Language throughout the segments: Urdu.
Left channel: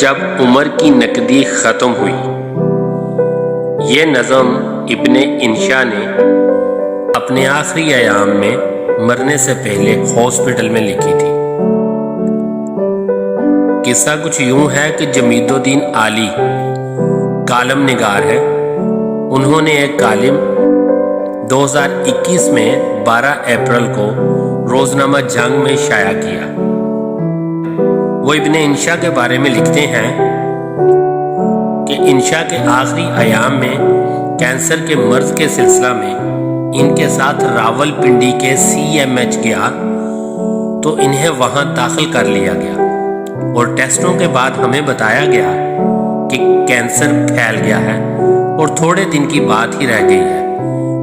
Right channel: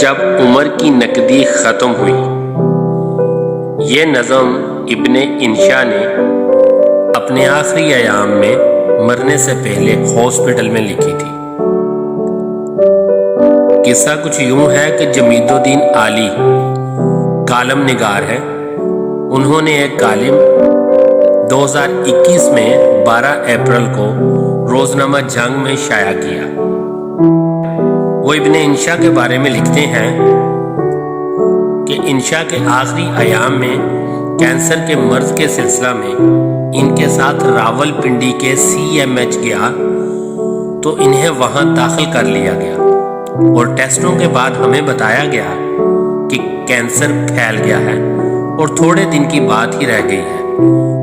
جب عمر کی نقدی ختم ہوئی۔ یہ نظم ابن انشا نے اپنے آخری ایام میں مرنے سے پہلے ہاسپٹل میں لکھی تھی۔ قصہ کچھ یوں ہے کہ جمید الدین عالی کالم نگار ہے۔ انہوں نے ایک کالم 2021 میں 12 اپریل کو روزنامہ جنگ میں شائع کیا۔ وہ ابن انشا کے بارے میں لکھتے ہیں کہ انشا کے آخری ایام میں کینسر کے مرض کے سلسلہ میں ان کے ساتھ راول پنڈی کے CMH گیا تو انہیں وہاں داخل کر لیا گیا اور ٹیسٹوں کے بعد ہمیں بتایا گیا کہ کینسر پھیل گیا ہے اور تھوڑے دن کی بات ہی رہ گئی ہے،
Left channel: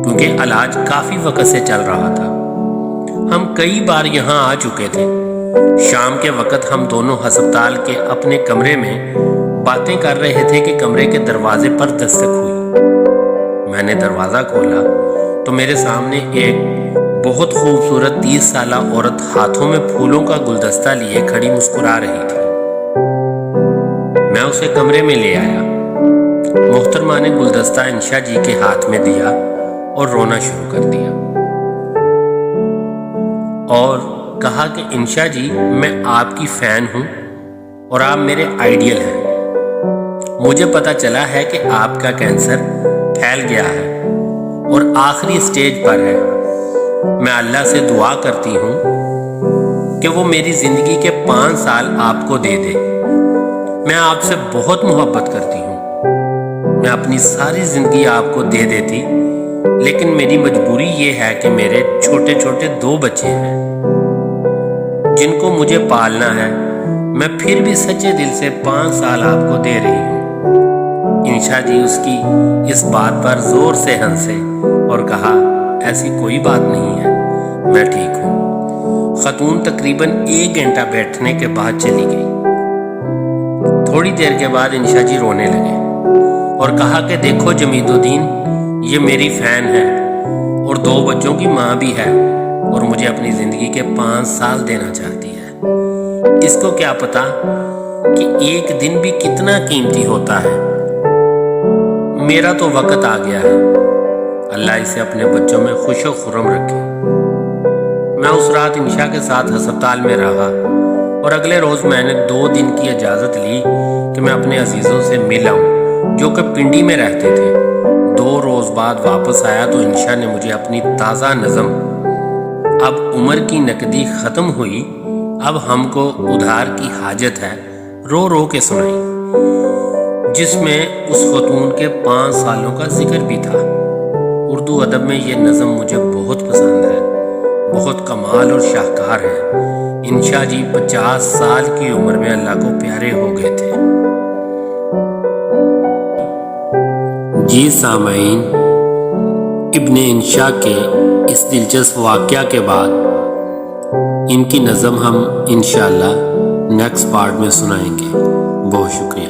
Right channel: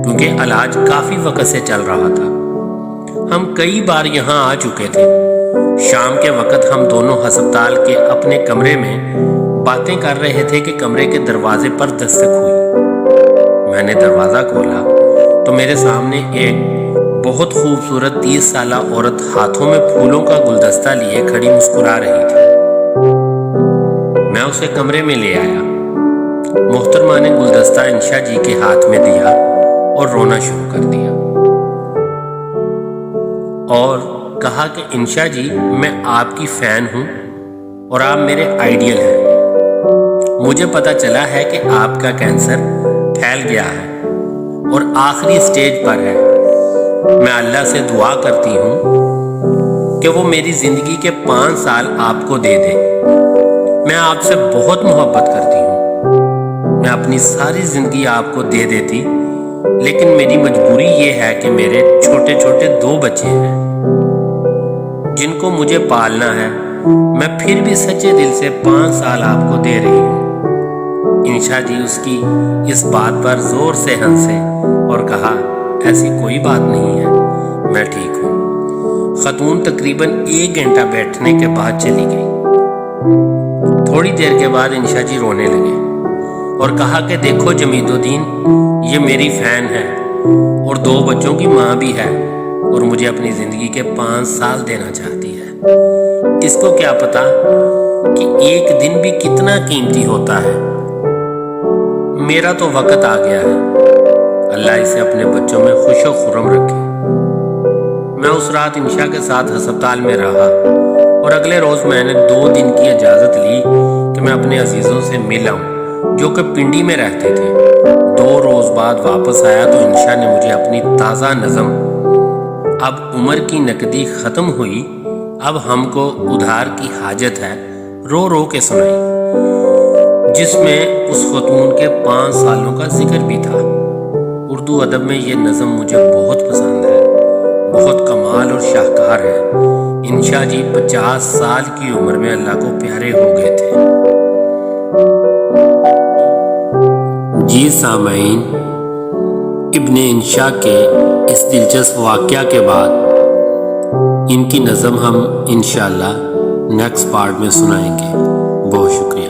کیونکہ علاج کافی وقت سے چل رہا تھا۔ ہم کئی بار یہاں آ چکے تھے۔ شام کے وقت ہم دونوں ہسپتال کے اپنے کمرے میں باتیں کر رہے تھے کہ کمرے کے دروازے پر دستک ہوئی۔ میں نے دروازہ کھولا تو میرے سامنے ایک بہت خوبصورت 30 سالہ عورت ہاتھوں میں پھولوں کا گلدستہ لیے کھڑی مسکرا رہی تھی۔ میں اسے کمرے میں لے آیا۔ محترمہ نے گلدستہ انشا جی کے ہاتھ میں دیا اور رونا شروع کر دیا اور کہا کہ انشا جی، میں آپ کی فین ہوں اور آپ میرے آئیڈیل ہیں۔ مجھے پتا چلا ہے کہ آپ کا کینسر پھیل گیا ہے اور آخری سٹیج پر ہے۔ میں اللہ سے دعا کرتی ہوں کہ وہ میری زندگی کے 5 سال آپ کو دے دے۔ میں آپ سے بہت محبت کرتی ہوں۔ میں اپنی ساری زندگی آپ کو دے دیتی، لیکن میری مجبوری یہ ہے کہ میرے چھوٹے چھوٹے 2 بچے ہیں جن کو مجھے پالنا ہے۔ میں پھر بھی سچے دل سے 5 سال آپ کو دے رہی ہوں۔ انشا جی اس کی اس بات پر زور سے ہنسے اور کہا، ایسی کوئی بات نہیں ہے، میں ٹھیک ہوں۔ خاتون تقریباً 1 گھنٹہ بیٹھنے کے بعد چلی گئی۔ تھوڑی دیر کے بعد انشا جی رونے لگے اور کہا کہ دیکھو جمید الدین، یہ میری فین ہے اور 2 بچوں کی ماں بھی ہے اور مجھے اپنی زندگی کے 5 سال دینا چاہتی ہے۔ اس کو کیا پتا کہ ایک دن بھی کتنا قیمتی ہوتا ہے۔ میرا تو وقت آ گیا ہے۔ اللہ اسے اپنے بچوں میں خوش و خرم رکھے۔ میں اس رات انشا کے ساتھ ہسپتال میں رہا اور اگلے روز میں نے 2 دن کی اجازت لی کہ میں اپنے عزیزوں سے مل آؤں جو کہ پنڈی میں رہتے تھے۔ 2 روز بعد واپس آیا تو انشا نے مجھے اپنی تازہ نظم اب عمر کی نقدی ختم ہوئی، اب ہم کو ادھار کی حاجت ہے رو رو کے سنائی، جس میں اس خاتون کے 5 سالوں کا ذکر بھی تھا۔ اردو ادب میں یہ نظم مجھے بہت پسند ہے، بہت کمال اور شاہکار ہے۔ انشا جی 50 سال کی عمر میں اللہ کو پیارے ہو گئے تھے۔ جی سامعین، ابن انشا کے اس دلچسپ واقعہ کے بعد ان کی نظم ہم انشاءاللہ نیکسٹ پارٹ میں سنائیں گے۔ بہت شکریہ۔